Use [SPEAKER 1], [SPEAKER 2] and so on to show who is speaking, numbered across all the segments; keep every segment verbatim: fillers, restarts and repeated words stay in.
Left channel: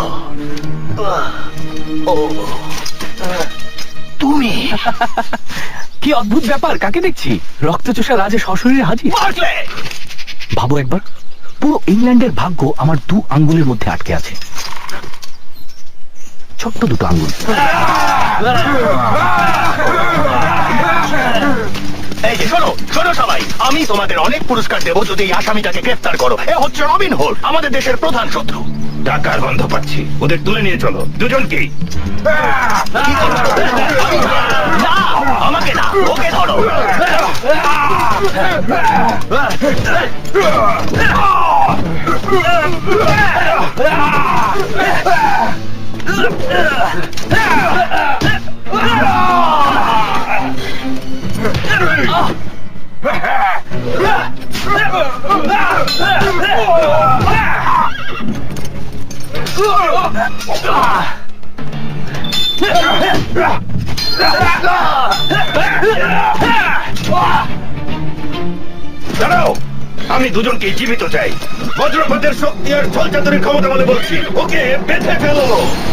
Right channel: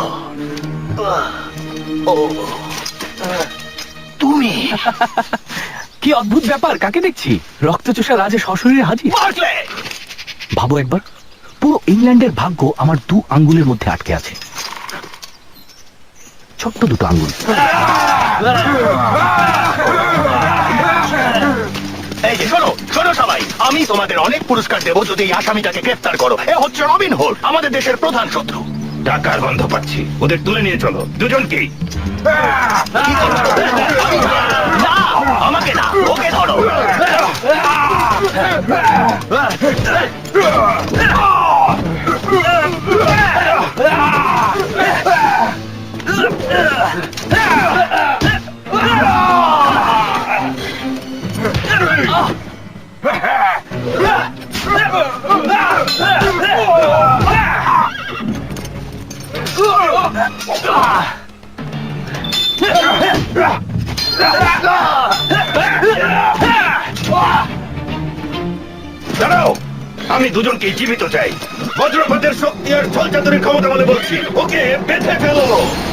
[SPEAKER 1] তুমি
[SPEAKER 2] কি অদ্ভুত ব্যাপার, কাকে দেখছি? রক্তচোষা রাজে সশরীরে হাজির। ভাবো একবার, পুরো ইংল্যান্ডের ভাগ্য আমার দু আঙ্গুলের মধ্যে আটকে আছে। ছোট্ট দুটো আঙ্গুল।
[SPEAKER 1] এই যে শোনো শোনো সবাই, আমি তোমাদের অনেক পুরস্কার দেবো যদি এই আসামিটাকে গ্রেফতার করো। এ হচ্ছে রবিন হুড, আমাদের দেশের প্রধান শত্রু।
[SPEAKER 3] টাকার গন্ধ পাচ্ছি, ওদের তুলে নিয়ে চলো দুজনকেই।
[SPEAKER 1] কি করছো? না, আমাকে না, ওকে ধরো।
[SPEAKER 3] দাঁড়াও, আমি দুজনকেই জীবিত চাই। বজ্রপাতের শক্তি আর ঝলচাতুরির ক্ষমতা বলে বলছি, ওকে বেঁধে ফেলো।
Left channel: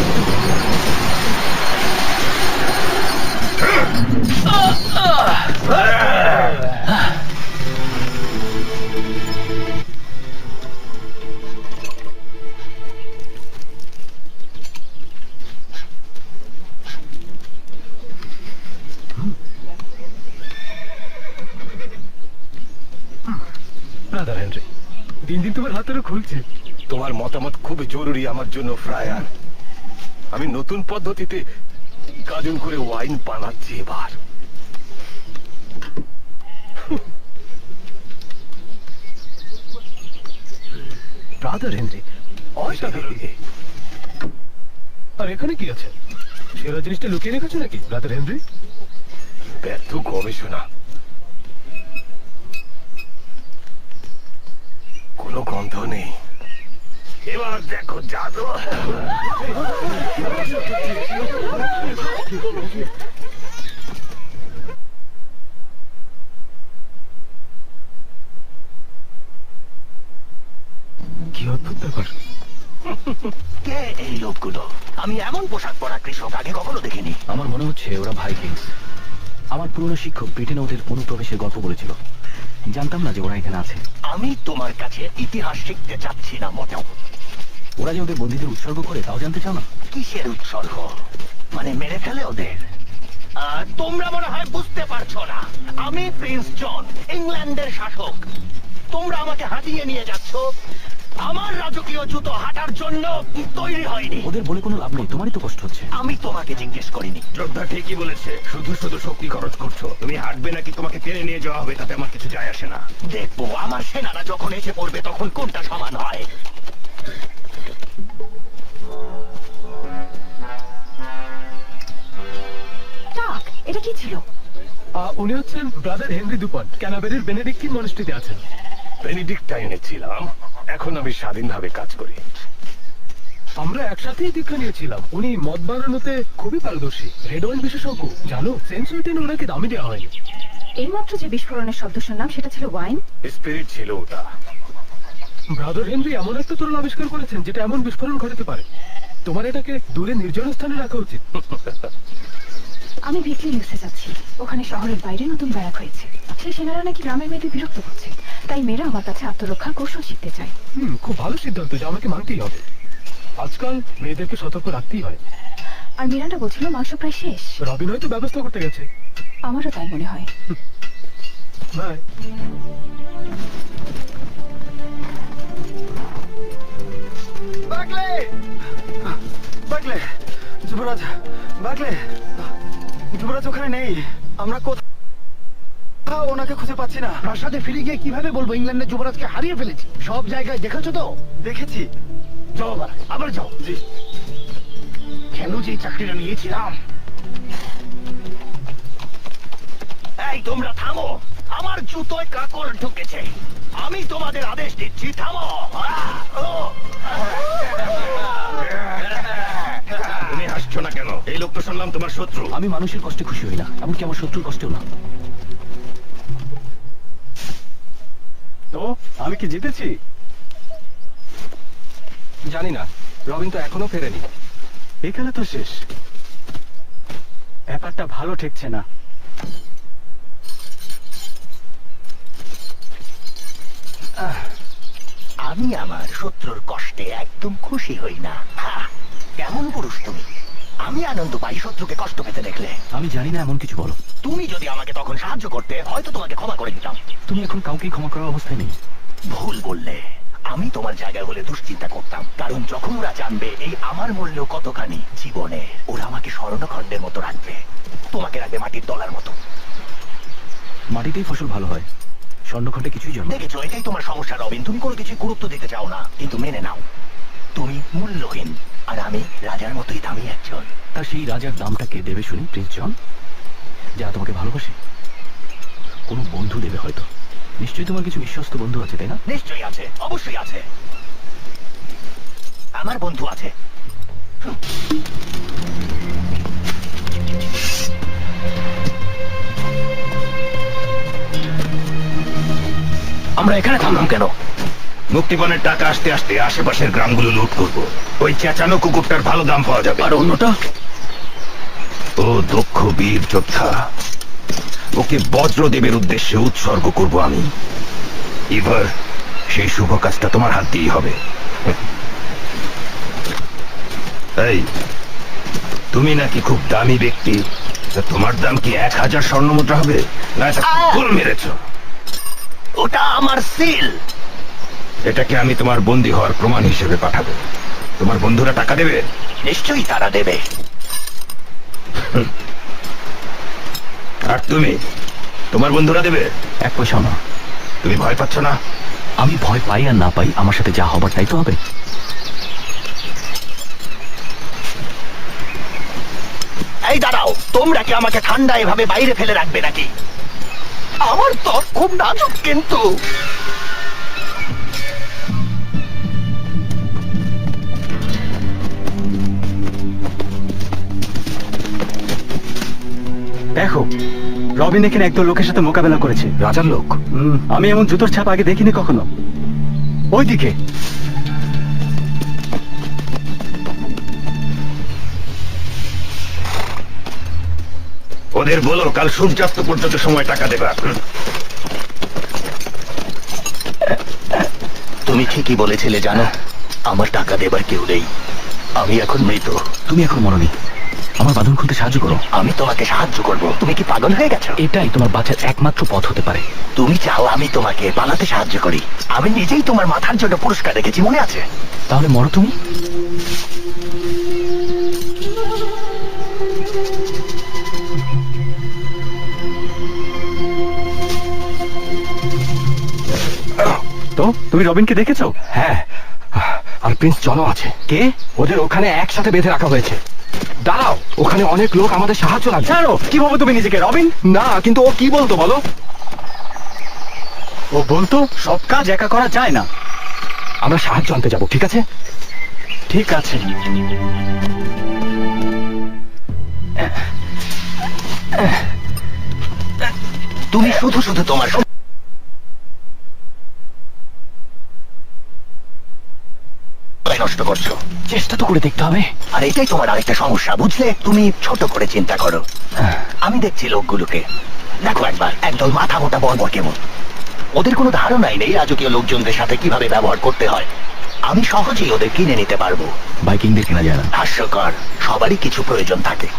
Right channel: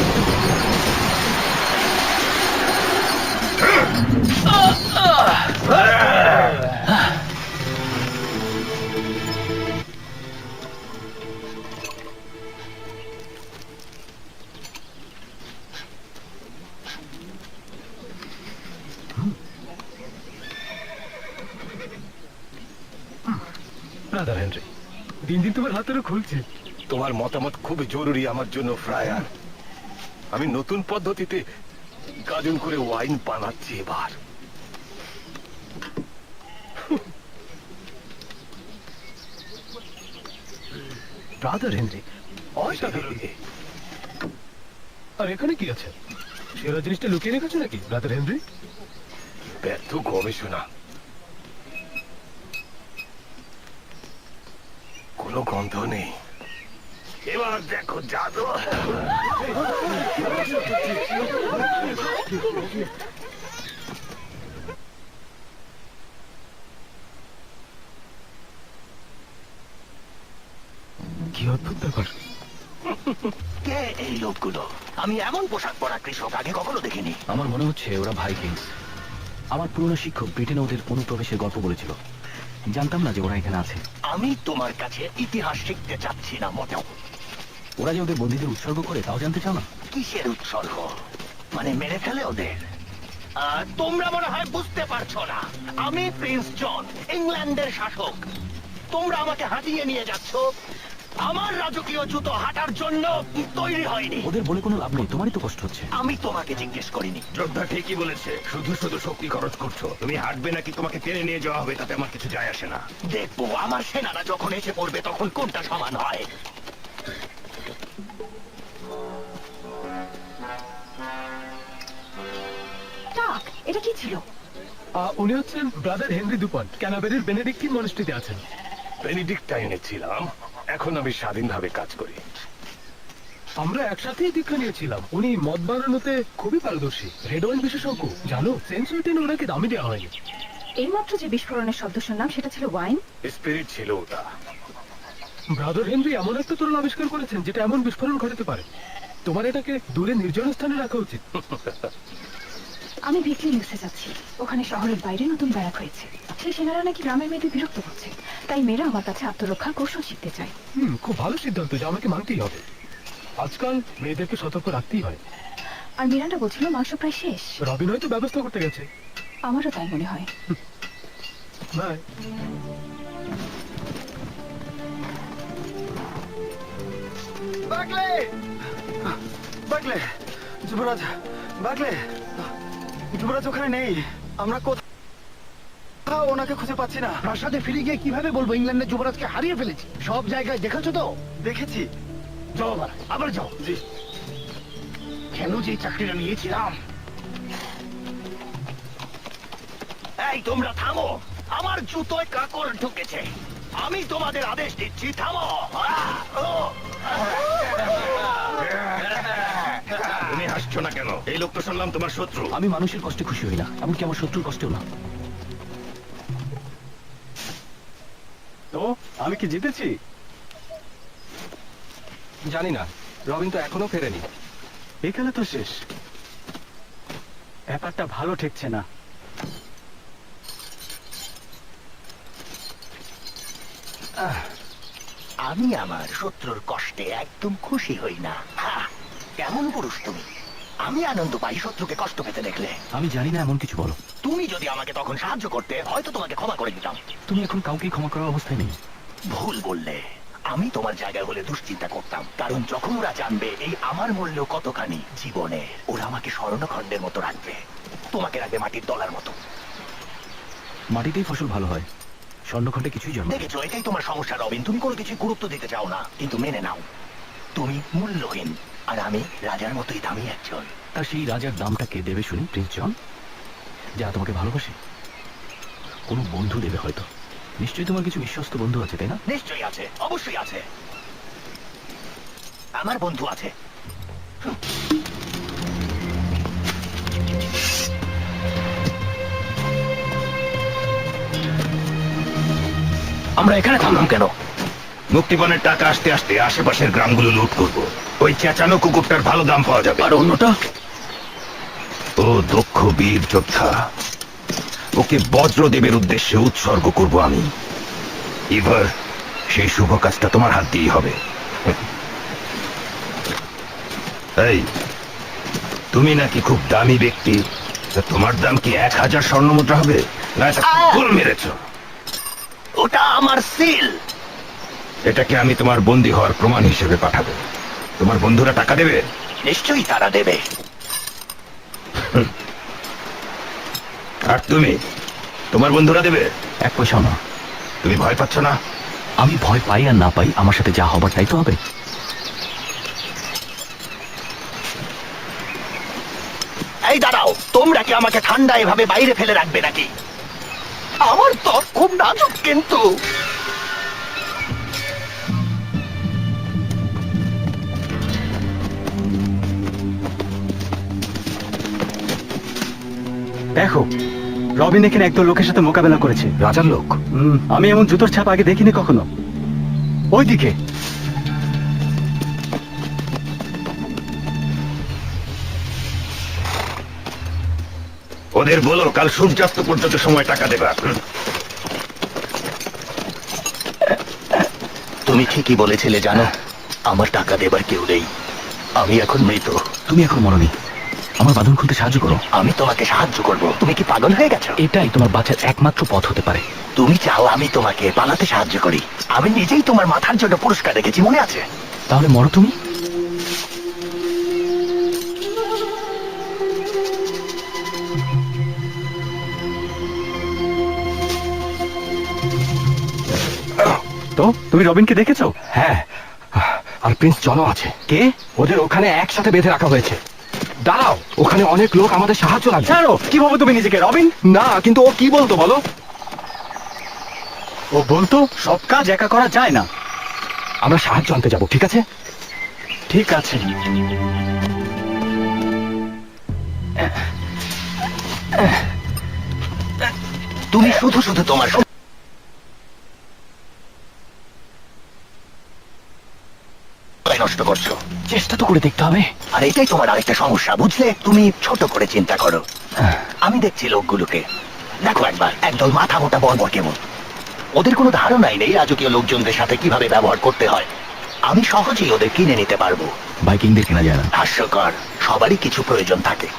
[SPEAKER 2] ব্রাদার হেনরি, দিন দিন তোমার হাতেরও খুলছে।
[SPEAKER 3] তোমার মতামত খুব জরুরি আমার জন্য ফ্রায়ার। আমি নতুন পদ্ধতিতে গাজন করে ওয়াইন বানাচ্ছি এবার।
[SPEAKER 2] ব্রাদার হেনরি, আর এখানে কি আছে? সেরা জিনিসটা লুকিয়ে রেখেছো নাকি ব্রাদার হেনরি?
[SPEAKER 3] ব্যর্থ গবেষণা, কোনো গন্ধ নেই। এবার দেখো জাদু।
[SPEAKER 2] কি অদ্ভুত ব্যাপার।
[SPEAKER 1] কে এই লোকগুলো? আমি এমন পোশাক পরা কৃষক আগে কখনো দেখিনি।
[SPEAKER 2] আমার মনে হচ্ছে ওরা ভাইকিংস। আমার পুরনো শিক্ষক ব্রিটেনে ওদের অনুপ্রবেশের গল্প বলেছিল। জানতাম না যে ওরা এখানে আছে।
[SPEAKER 1] আমি তোমার কাছে ইতিহাস শিখতে চাচ্ছি না মোটেও।
[SPEAKER 2] ওরা যে ওদের বন্দীদের উৎসর্গ করে তাও জানতে চাও না?
[SPEAKER 1] কিসের উৎসর্গ? মানে মেরে ফেলে ওদের? আহ, তোমরা মনে হয় বুঝতে পারছো না, আমি প্রিন্স জন, ইংল্যান্ডের শাসক। তোমরা আমাকে হাঁটিয়ে নিয়ে যাচ্ছ। আমার রাজকীয় জুতো হাঁটার জন্য তৈরি হয়নি।
[SPEAKER 2] ওদের বলে কোনো লাভ নেই, তোমারই তো কষ্ট হচ্ছে।
[SPEAKER 1] আমি তোমাকে জিজ্ঞেস করিনি।
[SPEAKER 3] যোদ্ধা ঠিকই বলেছে, শুধু শুধু শক্তি খরচ করছো। তুমি হাঁটবে নাকি তোমাকে টেনে নিয়ে যাওয়া হবে তাতে আমার কিছু যায় আসে না।
[SPEAKER 1] দেখবো আমার সেনারা যখন এসে পড়বে তখন কোনটা সমান হয়।
[SPEAKER 4] টাক, এটা কি ছিল?
[SPEAKER 2] উনি হচ্ছেন ব্রাদার হেনরি দুপন্ট, ক্যানাবেরির বেনেডিক্টিন মনাস্ট্রিতে আছেন।
[SPEAKER 3] বেনেডিক্টাইনে ছিলাম, এখন আমি স্বাধীনভাবে কাজ করি।
[SPEAKER 2] আমরা একসাথেই দীক্ষা নিয়েছিলাম। উনি মদ বানানোতে খুবই পারদর্শী, রেড ওয়াইন বিশেষজ্ঞ। জানো, সেন্সুইটিন ওনাকে দামি দেওয়া হয়নি।
[SPEAKER 4] এইমাত্র যে বিস্ফোরণের শব্দ শুনলাম সেটা ছিল ওয়াইন।
[SPEAKER 3] স্পিরিট ছিল ওটা।
[SPEAKER 2] ব্রাদার হেনরি এমন একটা তরল আবিষ্কার করেছেন যেটা এমন বিস্ফোরণ ঘটাতে পারে। তোমার এটাকে দূরে নির্জন স্থানে রাখা উচিত।
[SPEAKER 4] আমি ভিকলি নিউজে যাচ্ছি, ওখানে শহরের বাইরে নতুন ব্যারাক হয়েছে। সেই সেনারা নাকি গ্রামের মেয়েদের বিরক্ত করছে, তাই মেয়েরা আমার কাছে আত্মরক্ষার কৌশল শিখতে চায়।
[SPEAKER 2] হুম, খুব ভালো সিদ্ধান্ত, যা আমাকে মানতেই হবে। আজকাল মেয়েদেরকে সতর্ক রাখতেই হয়।
[SPEAKER 4] আর মিরান্ডা বলছিল মাংস প্রায় শেষ।
[SPEAKER 2] রবিন হয়তো ব্যবস্থা করতে গেছে।
[SPEAKER 4] আমারও তাই মনে হয়।
[SPEAKER 2] বাই।
[SPEAKER 5] বাকলে বাকলে যুবরাজ, বাকলে যুবরাজ ওখানে নেই। আমরা কোথাও ওনাকে খুঁজে পাচ্ছি না।
[SPEAKER 1] প্রাসাদে ফিরে গিয়ে কিভাবে বলবো ইংল্যান্ডের যুবরাজকে হারিয়ে ফেলেছি? সব জায়গায় দেখেছো তো?
[SPEAKER 5] দেখেছি।
[SPEAKER 1] যাও আবার, আবার যাও। কেন যে এই চাকরিটা নিয়েছিলাম? এই তোমরা থামো, আমার জুতোয় কাকড় ঢুকেছে। আমি তোমাদের আদেশ দিচ্ছি, থামো।
[SPEAKER 3] তুমি হাসছো না কেন? এই লোক তো শুনলাম তোমার শত্রু।
[SPEAKER 2] আমি মানুষের কষ্টে খুশি হই না, এমনকি আমার শত্রুর কষ্টেও না।
[SPEAKER 5] তো আমি কি জিতেছি?
[SPEAKER 6] জানি না,
[SPEAKER 2] রবিন তো এখনো ফেরেনি। এই খেলা তো শেষ। ব্যাপারটা ভালো ঠেকছে না।
[SPEAKER 1] আমি আমার শত্রুর কষ্টে একদম খুশি হই না। হা, কেমন পুরুষ তুমি? আমি আনন্দ পাই শত্রুকে কষ্ট পেতে দেখলে।
[SPEAKER 2] আমি জানি না এমন কিছু বলো।
[SPEAKER 1] তুমি যদি আমাকে তখন সাহায্য করতে, হয়তো তোমাকে ক্ষমা করে দিতাম।
[SPEAKER 2] তুমি এখন কাউকেই ক্ষমা করার অবস্থায় নেই।
[SPEAKER 1] ভুল বললে। আমি তোমার জায়গায় হলে দুশ্চিন্তা করতাম, কারণ যখন ওরা জানবে এই আমার মূল্য কতখানি জীবনে, ওরা আমাকে স্বর্ণখণ্ডের মতো রাখবে, তোমাকে রাখবে মাটির দলার মতো।
[SPEAKER 2] মাটিতেই ফসল ভালো হয়, স্বর্ণখণ্ডে কিছুই জন্ম।
[SPEAKER 1] দেখেছো, এটাই তোমার সমস্যা রবিন। তুমি কোনো কিছু গুরুত্ব দিতে চাও না, কিন্তু মেনে নাও তুমি মূল্যহীন, আর আমি রাজার মতোই দামি একজন।
[SPEAKER 2] তা সেই রাজার দামটা কে দেবে শুনি? প্রিন্স জন, যা তোমাকে ভালোবাসে। কোনো বন্ধু দেবে হয়তো। নিশ্চয়ই তোমার কিছু বিশ্বস্ত বন্ধু আছে, তাই না?
[SPEAKER 1] নিশ্চয়ই আছে, অবশ্যই আছে। আমার বন্ধু আছে। আমরা এখানে থামলাম কেন?
[SPEAKER 3] মুক্তিপণের টাকা আসতে আসতে আশেপাশের গ্রামগুলো লুট করব। ওই চেঁচানো কুকুরটার ভালো দাম পাওয়া যাবে।
[SPEAKER 1] আর অন্যটা?
[SPEAKER 3] ও দক্ষ বীর যোদ্ধা, ওকে বজ্রদেবের উদ্দেশ্যে উৎসর্গ করব আমি। এবার সেই শুভ কাজটা তোমার হাত দিয়েই হবে। এই, তুমি নাকি খুব দামি ব্যক্তি, তা তোমার দাম কি এক হাজার স্বর্ণ মুদ্রা হবে? না, এটা ভুল মেরেছ।
[SPEAKER 1] ওটা আমার সিল।
[SPEAKER 3] এটাকে আমি তোমার বন্দী হওয়ার প্রমাণ হিসেবে পাঠাবো। তোমার বন্ধুরা টাকা দেবে?
[SPEAKER 1] নিশ্চয়ই তারা দেবে।
[SPEAKER 3] আর তুমি, তোমার বন্ধুরা দেবে?
[SPEAKER 2] এক পয়সা না।
[SPEAKER 3] তুমি ভয় পাচ্ছ না?
[SPEAKER 2] আমি ভয় পাই আর না পাই, আমার সাথে যা হবার তাই তো হবে।
[SPEAKER 1] এই দাঁড়াও, তোমরা কি আমাকে ঠান্ডা এভাবে বাইরে ফেলে রাখবে নাকি? আমার ত্বক খুব নাজুক কিন্তু।
[SPEAKER 2] দেখো, রবিন এখানে একদল লোকের সাথে মোকাবেলা করেছে। রাজার লোক? হুম, আমি এমন জুতোর ছাপ আগে দেখিনি কখনো। ওইদিকে।
[SPEAKER 3] ওদের বলো কাল সূর্যাস্ত পর্যন্ত সময় টাকা দেবা।
[SPEAKER 1] তুমি ঠিকই বলেছিলে জানো, আমার টাকা দেবার কেউ নেই। আমি এখন মৃত।
[SPEAKER 2] তুমি এখন মরনি, আমার বাঁধন খুলতে সাহায্য করো।
[SPEAKER 1] আমি তোমাকে সাহায্য করব। তুমি কি পাগল হয়ে গেছো?
[SPEAKER 2] এটাই তোমার বাঁচার একমাত্র পথ হতে পারে।
[SPEAKER 1] তুমি চাও আমি তোমাকে পালাতে সাহায্য করি? আমি নিজেই তোমার মাথার জন্য পুরস্কার রেখেছি, মনে আছে?
[SPEAKER 2] তাহলে মরো তুমি। তো তুমি রবিনকে দেখেছো?
[SPEAKER 6] হ্যাঁ, আর প্রিন্স জনও আছে।
[SPEAKER 2] কে?
[SPEAKER 6] ওদের ওখানে একসাথে বেঁধে রাখা হয়েছে। দাঁড়াও, ওখানে অনেক লোক আমাদের সাহায্য লাগবে।
[SPEAKER 2] ছাড়ো, কি ভাবো তুমি নিজেকে রবিন?
[SPEAKER 6] না, কিন্তু ও কি বলতো বলো?
[SPEAKER 2] ও বলতো সব কাজ একা করা যায় না।
[SPEAKER 6] আমরা সাহায্য আনতে যাব, ঠিক আছে?
[SPEAKER 2] ঠিক আছে।
[SPEAKER 1] তুমি শুধু শুধু তোমার সময় নষ্ট করছো।
[SPEAKER 2] চেষ্টা তো করে দেখতে হবে।
[SPEAKER 1] আর এটাই তোমার আরেকটা সমস্যা, বুঝলে? তুমি ছোট করে চিন্তা করো। আমি দেখছি লোকগুলোকে, দেখো একবার, একদল মাথা মোটা বর্বর কেমন। ওদের কোনো ধারণাই নেই রাজকীয় লোকজনদের সাথে কিভাবে ব্যবহার করতে হয়। আমি সহজেই ওদের কিনে নিতে পারবো।
[SPEAKER 2] বাইকিংদের কেনা যায় না।
[SPEAKER 1] হাস্যকর, সবারই কিছু প্রয়োজন থাকে।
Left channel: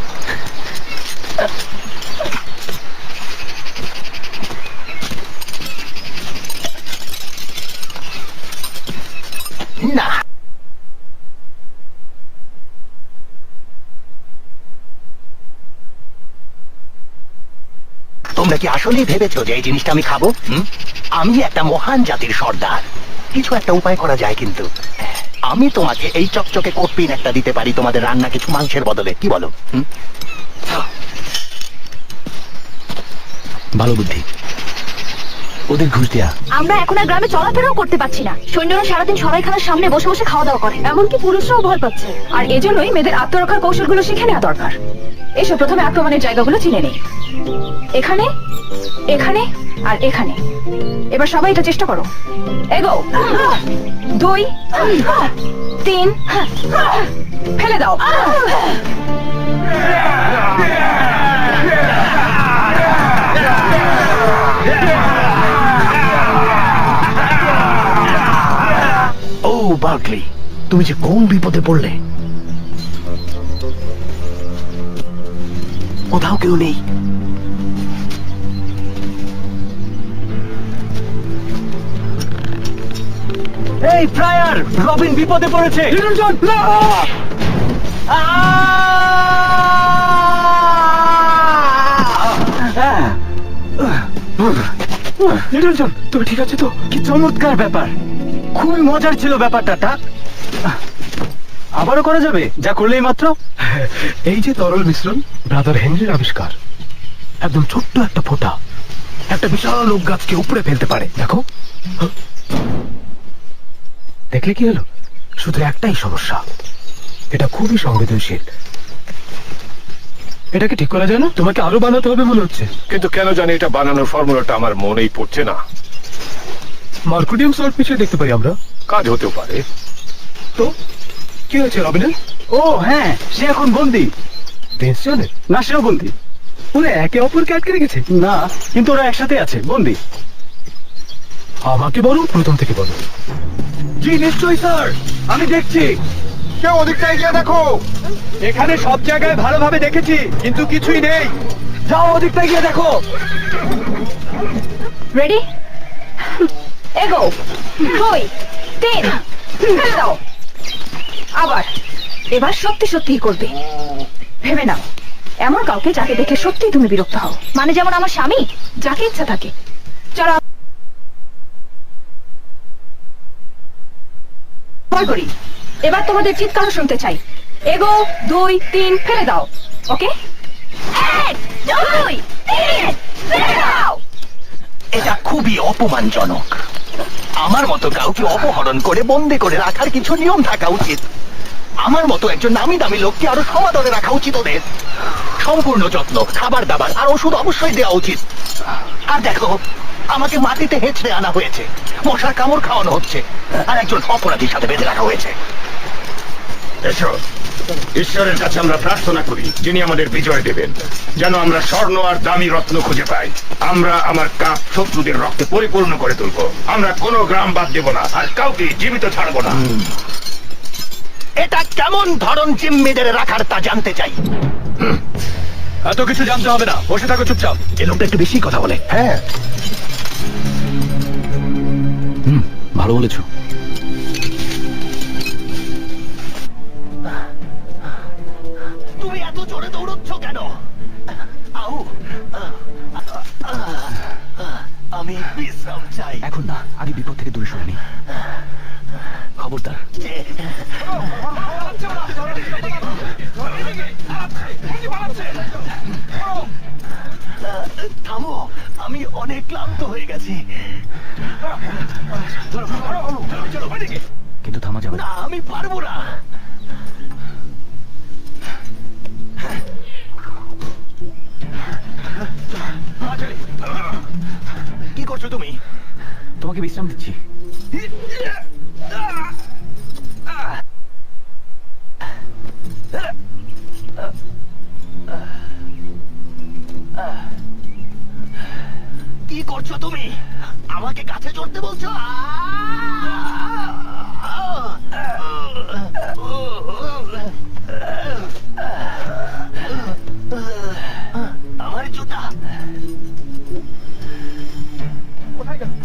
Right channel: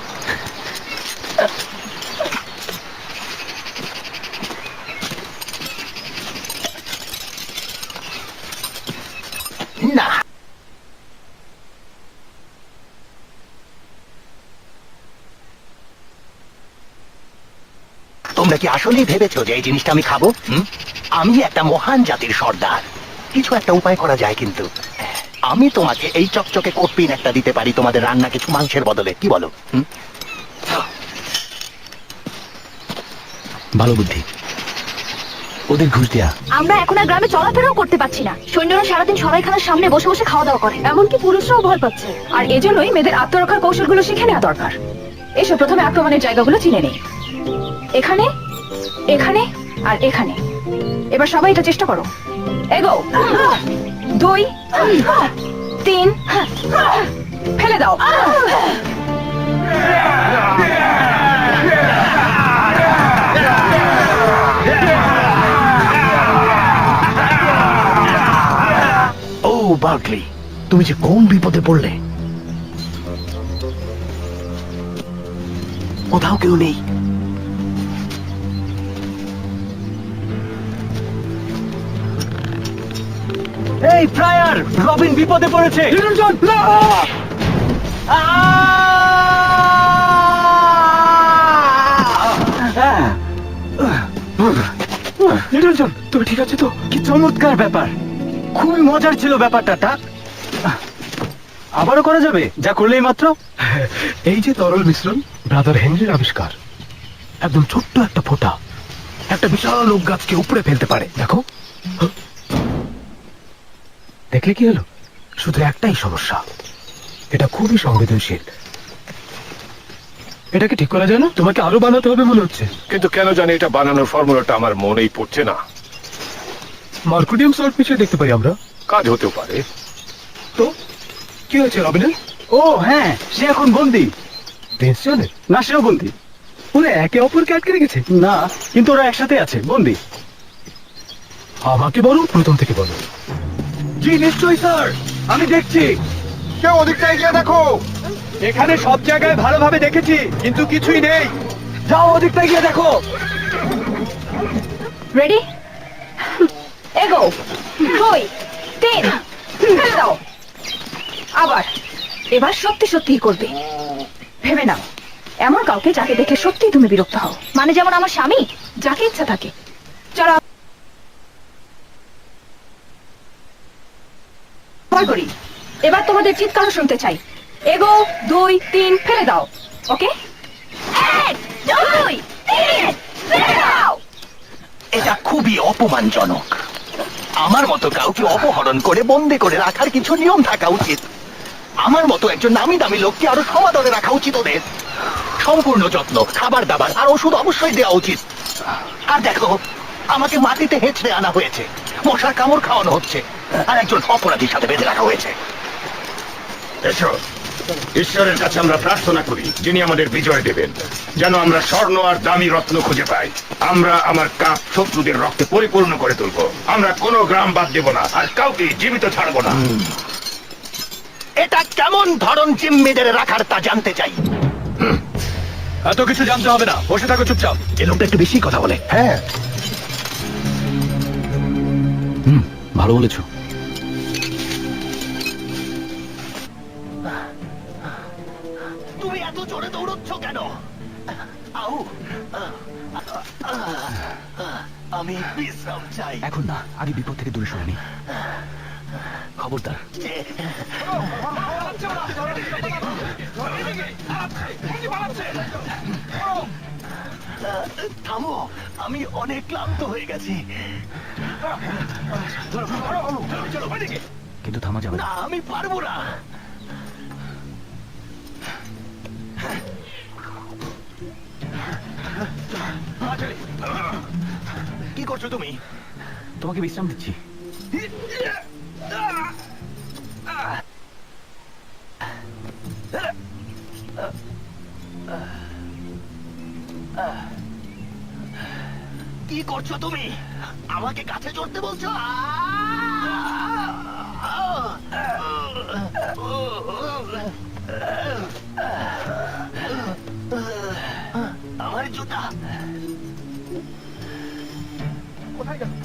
[SPEAKER 1] না, তোমরা কি আসলেই ভেবেছো যে এই জিনিসটা আমি খাবো? হুম? আমি একটা মহান জাতির সর্দার। কিছু একটা উপায় করা যায় কিন্তু। আমি তোমাকে এই চকচকে কোটপিন একটা দিতে পারি তোমাদের রান্না কিছু মাংসের বদলে, কি বলো? হুম?
[SPEAKER 2] ভালো বুদ্ধি। ওদের ঘুষ দেয়া।
[SPEAKER 7] আমরা এখন আর গ্রামে চলাফেরাও করতে পারছি না। সৈন্যরা সারাদিন সরাইখানার সামনে বসে বসে খাওয়া দাওয়া করে, এমনকি পুরুষরাও ভয় পাচ্ছে।
[SPEAKER 4] আর এজন্যই মেয়েদের আত্মরক্ষার কৌশলগুলো শিখে নেওয়া দরকার। এসো প্রথমে আক্রমণের জায়গাগুলো চিনে নেই। এখানে, এখানে আর এখানে। এবার সবাই এটা চেষ্টা করো। এগো। দুই,
[SPEAKER 7] তিন ফেলে দাও।
[SPEAKER 2] ও বার্কলি, তুমি যে কোন বিপদে পড়লে। কোথাও কেউ নেই। এই ফ্রায়ার, রবিন বিপদে পড়েছে। লিটলজন, তুমি ঠিক আছে তো? কি চমৎকার ব্যাপার, খুবই মজার ছিল ব্যাপারটা। টাক আবারও করা যাবে যা করলেই মাত্র।
[SPEAKER 6] এই যে তরল মিশ্রণ ব্রাদার হেনরির আবিষ্কার, একদম ছোট্ট একটা ফোঁটা একটা বিশাল ওক গাছকে উপড়ে ফেলতে পারে। দেখো, দেখলে কি হলো? শুধু একটাই সমস্যা, এটা খুবই সংবেদনশীল। এটাকে ঠিক করা যায় না? তোমাকে আরো বানাতে হবে মনে হচ্ছে।
[SPEAKER 8] কিন্তু কেন জানি এটা বানানোর ফর্মুলাটা আমার মনেই পড়ছে না।
[SPEAKER 6] মার্কুরিয়াম সল্ট মিশিয়ে দেখতে পারি আমরা।
[SPEAKER 8] কাজ হতেও পারে।
[SPEAKER 6] তো কি হয়েছে রবিনের?
[SPEAKER 2] ও হ্যাঁ, সে এখন বন্দি।
[SPEAKER 6] টেনশনের
[SPEAKER 2] না, সেও বন্দি।
[SPEAKER 6] ওরা একে অপরকে আটকে রেখেছে?
[SPEAKER 2] না, কিন্তু ওরা একসাথে আছে, বন্দি।
[SPEAKER 6] আমাকে বলো, প্রথম থেকে বলো।
[SPEAKER 2] জি নিশ্চয়ই স্যার, আমি দেখছি।
[SPEAKER 5] কেউ ওদিকটায় গিয়ে দেখো।
[SPEAKER 2] এখানে সব জায়গায় ভালোভাবে দেখেছি, কিন্তু কিছুই নেই। যাও ওদিকটা গিয়ে দেখো।
[SPEAKER 7] রেডি, এগো। দুই তিন ফেলে দাও। আবার, এবার সত্যি সত্যি করবে। ভেবে নাও, এমন কাউকে যাকে দেখে সত্যি তুমি বিরক্ত হও। মানে যেমন আমার স্বামী, যাকে ইচ্ছা থাকে। চলো আবার করি। এবার তোমাদের চিৎকার শুনতে চাই। এগো, দুই তিন ফেলে দাও। ওকে, এক দুই তিন ফেলে দাও।
[SPEAKER 1] এটা খুবই অপমানজনক। আমার মতো কাউকে অপহরণ করে বন্দি করে রাখার কিছু নিয়ম থাকা উচিত। আমার মতো একজন নামি দামি লোককে আরো সমাদরে রাখা উচিত ওদের। সম্পূর্ণ যত্ন, খাবার দাবার আর ওষুধ অবশ্যই দেওয়া উচিত। আর দেখো, আমাকে মাটিতে হেঁচড়ে আনা হয়েছে, মশার কামড় খাওয়ানো হচ্ছে, আর একজন অপরাধীর সাথে বেঁধে রাখা হয়েছে।
[SPEAKER 3] এসো, ঈশ্বরের কাছে আমরা প্রার্থনা করি যিনি আমাদের বিজয় দেবেন, যেন আমরা স্বর্ণ আর দামি রত্ন খুঁজে পাই। আমরা আমার কাপ শত্রুদের রক্তে পরিপূর্ণ করে তুলবো। আমরা কোনো গ্রাম বাদ দেব না, আর কাউকে জীবিত ছাড়বো না।
[SPEAKER 1] এটা কেমন ধরন জিম্মিদের রাখার তা জানতে চাই।
[SPEAKER 2] এত কিছু জানতে হবে না, বসে থাকো চুপচাপ।
[SPEAKER 1] এ লোকটা একটু বেশি কথা বলে।
[SPEAKER 2] হ্যাঁ, হুম, ভালো বলেছো।
[SPEAKER 1] তুমি এত জোরে দৌড়চ্ছ কেন? আউ, আমি বিশ্রাম চাই।
[SPEAKER 2] এখন না, আগে বিপদ থেকে দূরে সরে নি। খবরদার।
[SPEAKER 1] থামো, আমি অনেক ক্লান্ত হয়ে গেছি।
[SPEAKER 2] কিন্তু থামা যাবে না।
[SPEAKER 1] না, আমি পারবো না। কি করছো তুমি?
[SPEAKER 2] তোমাকে বিশ্রাম দিচ্ছি।
[SPEAKER 1] কি করছো তুমি? আমাকে কাছে চড়তে বলছো? আমার জুতা কোথায় গেল?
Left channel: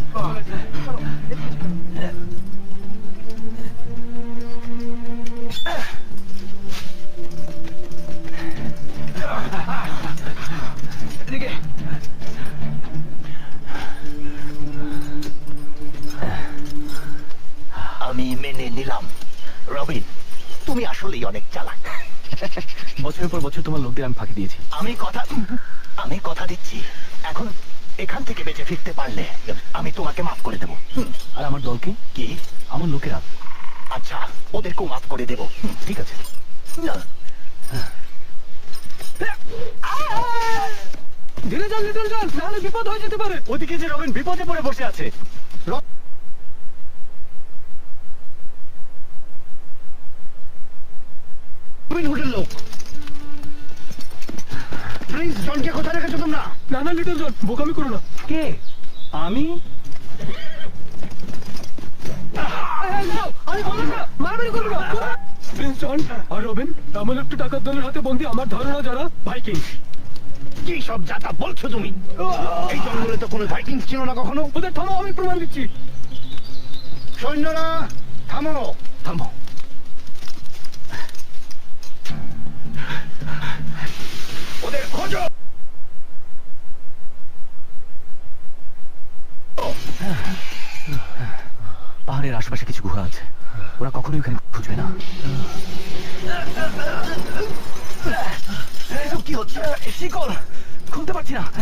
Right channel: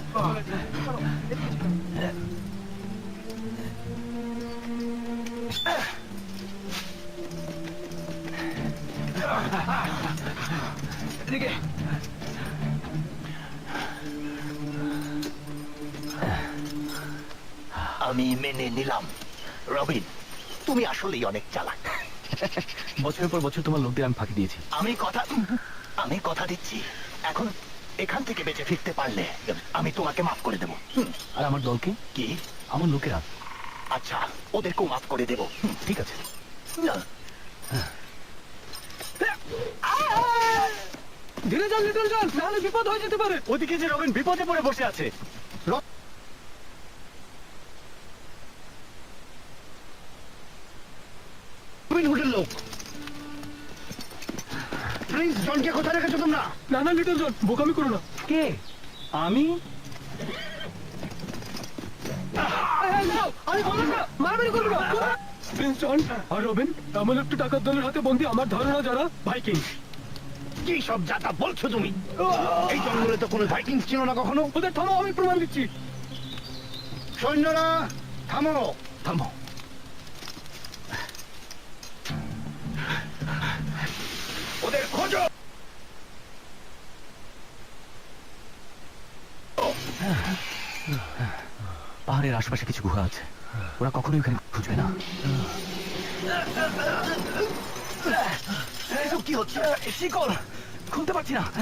[SPEAKER 1] আমি মেনে নিলাম। রবিন, তুমি আসলেই অনেক চালাক।
[SPEAKER 2] বছরের পর বছর তোমার লোকদের আমি ফাঁকি দিয়েছি।
[SPEAKER 1] আমি কথা আমি কথা দিচ্ছি, এখন এখান থেকে বেঁচে ফিরতে পারলে আমি তোমাকে মাফ করে দেব।
[SPEAKER 2] আর আমার দলকে?
[SPEAKER 1] কি?
[SPEAKER 2] আমার লোকেরা।
[SPEAKER 1] আচ্ছা, ওদেরকেও মাফ করে দেব।
[SPEAKER 2] ঠিক আছে।
[SPEAKER 1] না।
[SPEAKER 2] ধীরে যান লিটল জন, নাহলে বিপদ হয়ে যেতে পারে। ওদিকে যে রবিন বিপদে পড়ে বসে আছে।
[SPEAKER 1] রবিন হুডের লোক। প্রিন্স জনকে কোথায় রেখেছো তোমরা?
[SPEAKER 6] না না লিটল জন, বোকামি করো না।
[SPEAKER 2] কে? আমি?
[SPEAKER 6] প্রিন্স জন আর রবিন এমন একটি টাকার দলের হাতে বন্দী, আমার ধারণা যারা ভাইকিং।
[SPEAKER 1] কি সব যাতা বলছো তুমি? এই জঙ্গলে তো কোনো ভাইকিং ছিল না কখনো।
[SPEAKER 6] ওদের থামো, আমি প্রমাণ দিচ্ছি।
[SPEAKER 1] সৈন্যরা থামো।
[SPEAKER 2] থামো।
[SPEAKER 3] ওদের খোঁজো।
[SPEAKER 2] পাহাড়ের আশেপাশে কিছু গুহা আছে, ওরা কখনোই ওখানে খুঁজবে না। এসব কি হচ্ছে? শিকল খুলতে পারছি না।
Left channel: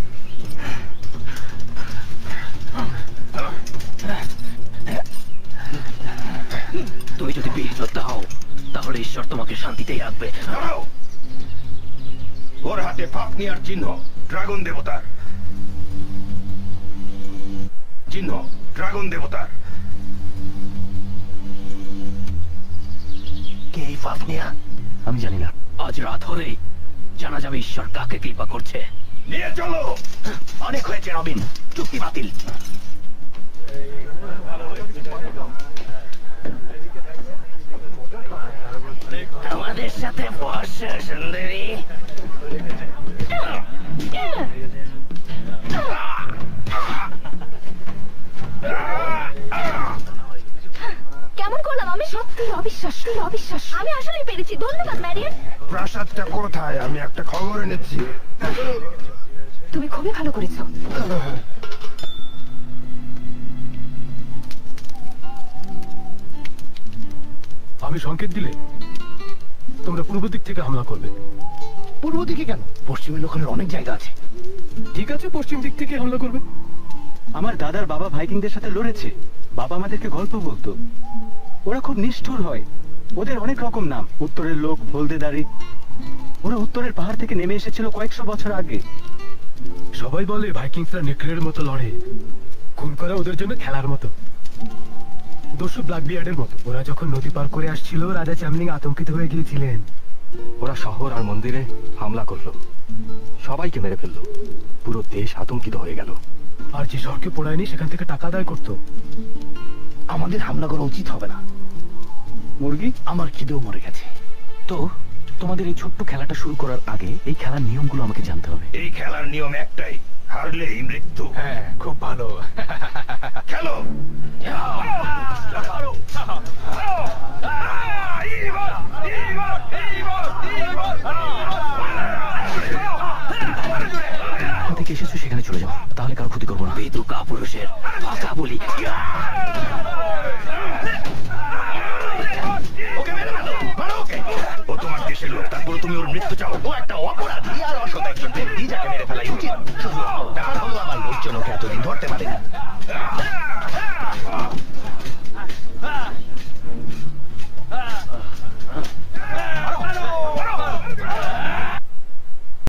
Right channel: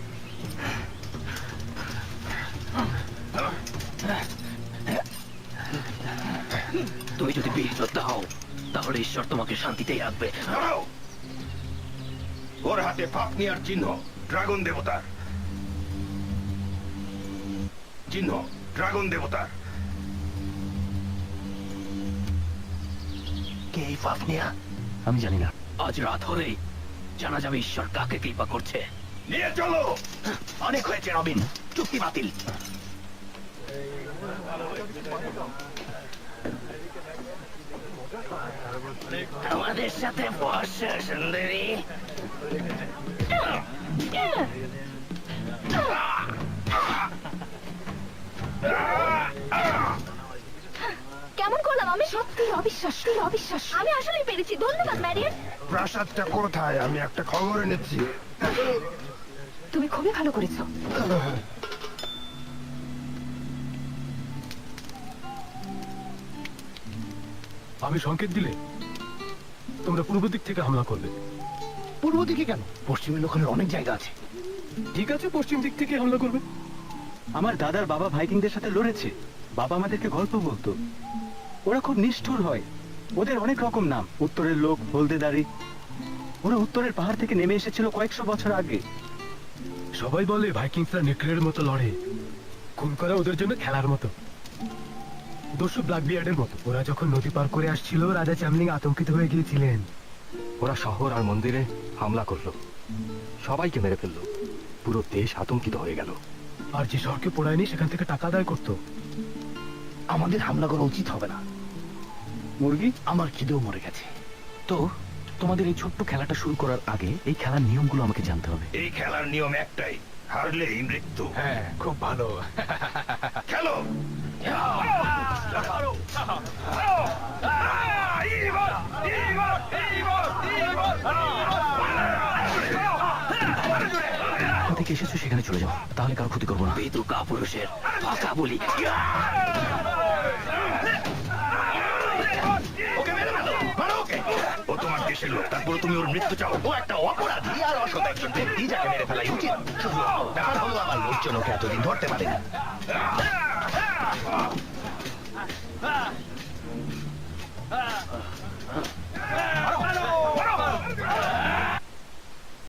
[SPEAKER 2] তুমি যদি বীর যোদ্ধা হও তাহলে ঈশ্বর তোমাকে শান্তিতেই রাখবে।
[SPEAKER 3] দাঁড়াও। ওর হাতে ফাপনিয়ার চিহ্ন, ড্রাগন দেবতার চিহ্ন, ড্রাগন দেবতার।
[SPEAKER 1] কে এই ফাফনিয়া?
[SPEAKER 2] আমি জানি না, আজ রাত হলেই জানা যাবে ঈশ্বর কাকে কৃপা করছে।
[SPEAKER 3] নিয়ে চলো।
[SPEAKER 1] অনেক হয়েছে রবিন, চুক্তি বাতিল। আমাদের সাথে বর্ষা সুন্দরী।
[SPEAKER 7] কেমন করলাম আমি? সত্যি অবিশ্বাস, অবিশ্বাস। আমি আসলে পেরেছি। ধন্যবাদ ম্যারিয়ান।
[SPEAKER 5] প্রাসাদটা কোথায়? আমি একটা খবর এনেছি।
[SPEAKER 7] তুমি খুবই ভালো করেছো।
[SPEAKER 6] আমি সংকেত দিলে তোমরা পূর্ব দিক থেকে হামলা করবে।
[SPEAKER 1] পূর্ব দিকে কেন? পশ্চিমে লোকের অনেক জায়গা আছে।
[SPEAKER 6] ঠিক আছে, পশ্চিম দিক থেকে হামলা করবে।
[SPEAKER 2] আমার দাদার বাবা ভাইকিংদের সাথে লড়েছে, বাবা আমাদেরকে গল্প বলতো। ওরা খুব নিষ্ঠুর হয়, ওদের অনেক রকম নাম। উত্তরের লোক, হলদে দাড়ি। ওরা উত্তরের পাহাড় থেকে নেমে এসেছিল কয়েকশো বছর আগে।
[SPEAKER 6] সবাই বলে ভাইকিংসরা নেকড়ের মতো লড়ে, খুন করা ওদের জন্য খেলার মতো। দস্যু ব্ল্যাকবিয়ার্ডের মতো। ওরা যখন নদী পার করে আসছিল, রাজা চ্যামলিং আতঙ্কিত হয়ে গিয়েছিলেন। ওরা শহর আর মন্দিরে হামলা করলো, সবাইকে মেরে ফেললো। পুরো দেশ আতঙ্কিত হয়ে গেল। আর যে শহরকে পোড়ায়নি সেখান থেকে টাকা আদায় করতো।
[SPEAKER 1] আমাদের হামলা করা উচিত হবে না।
[SPEAKER 2] মুরগি,
[SPEAKER 1] আমার খিদেও মরে গেছে।
[SPEAKER 2] তো তোমাদের এই ছোট্ট খেলাটা শুরু করার আগে এই খেলার নিয়মগুলো আমাকে জানতে হবে।
[SPEAKER 3] এই খেলার নিয়ম একটাই, হারলেই মৃত্যু।
[SPEAKER 6] হ্যাঁ, খুব ভালো।
[SPEAKER 3] খেলো।
[SPEAKER 2] কোথা থেকে এসেছো সেখানে চলে যাও, তাহলে কারো ক্ষতি করবো না। বেদু কাপুরুষের ফাঁকা বলি।
[SPEAKER 3] ওকে মেরে ফেলো, মারো ওকে। ও তোমার দেশের লোক, তারপরে তুমি ওর মৃত্যু চাও।
[SPEAKER 1] ও একটা অপরাধী আর অসৎ একজন ব্যক্তি, যাকে মেরে ফেলাই উচিত। শুধু ব্যাপার হলো আমার লোকজন ওকে এতদিন ধরতে পারেনি। মারো।